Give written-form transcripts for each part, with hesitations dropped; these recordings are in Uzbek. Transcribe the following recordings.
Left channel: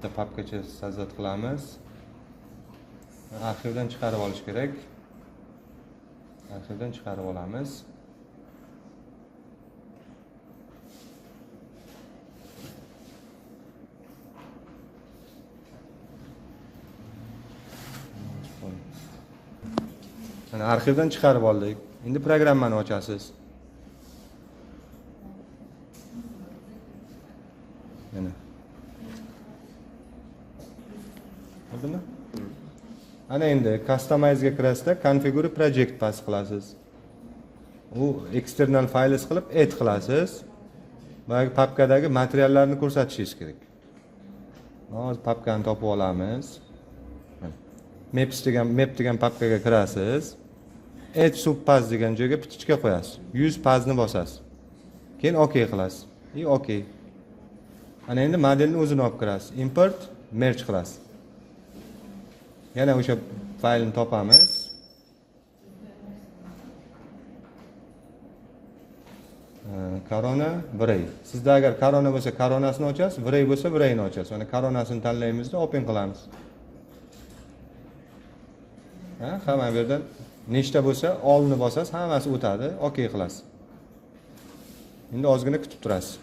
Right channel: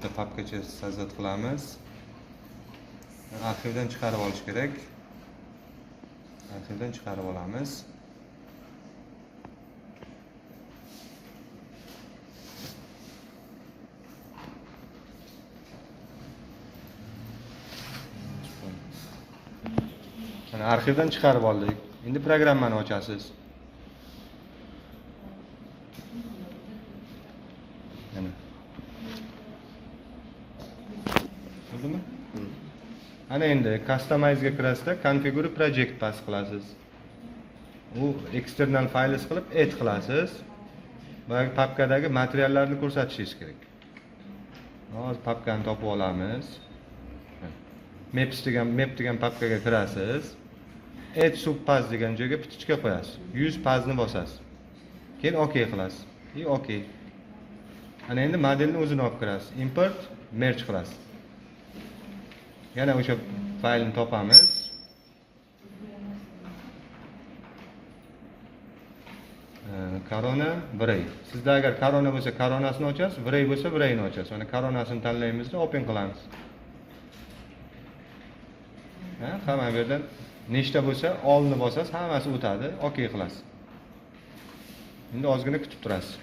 bitta papkacha sozdat qilamiz. Arxivdan chiqarib olish kerak. Arxivdan chiqarib olamiz. Mana arxivdan chiqarib oldik. Endi programmani ochasiz. Mana. Ko'rdingmi? Ana endi customize ga kirasizda configure project pas qilasiz. U external files qilib add qilasiz. Boyagi papkadagi materiallarni ko'rsatishingiz kerak. Hozir papkani topib olamiz. Map degan papkaga kirasiz. Add subpass degan joyga pichichka qo'yasiz. 100 pazni bosasiz. Keyin OK qilasiz. OK. Ana endi modelni o'zini olib kirasiz. Import, merge qilasiz. Yana o'sha faylni topamiz. Corona Bray. Sizda agar Corona bo'lsa, Coronasini ochasiz, Bray bo'lsa, Brayni ochasiz. Mana Coronasini tanlaymizda open qilamiz. Hamma bu yerdan nechta bo'lsa, olni bosasiz, hammasi o'tadi, OK qilasiz. Endi ozgina kutib turasiz.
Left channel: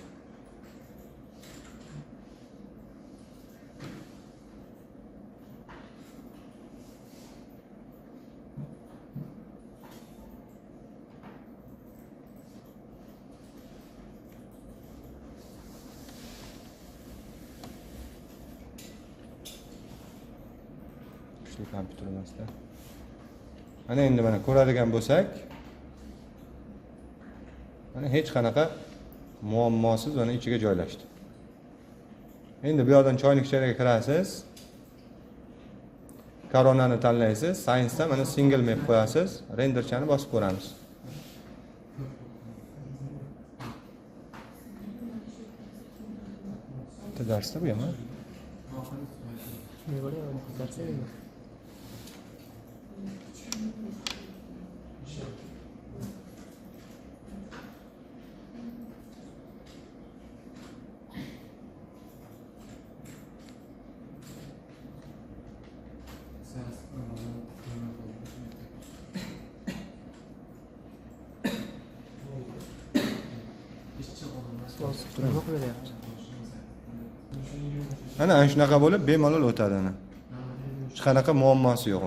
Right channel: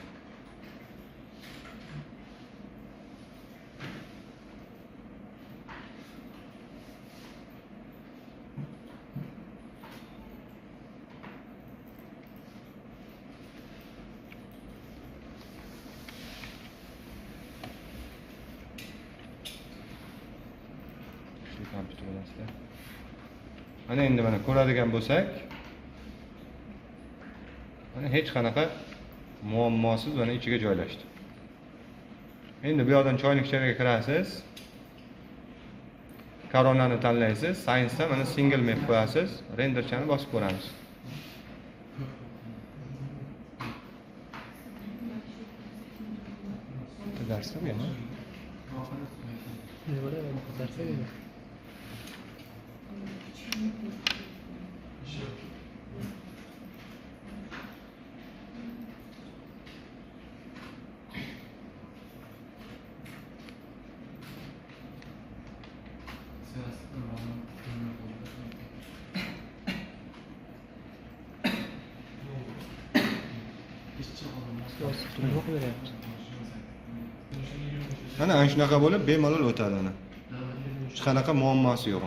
Kompüter olasizda. Mana endi mana ko'radigan bo'lsak, mana hech qanaqa muammosiz mana ichiga joylashdi. Endi bu yerdan choynikchaga kirasiz. Coronani tanlaysiz, Science dan mana single map qo'yasiz, renderchani bosib ko'ramiz. Darsda bu yana. Ana shunaqa bo'lib bemalol o'tadi ana. Hech qanaqa muammosi yo'q.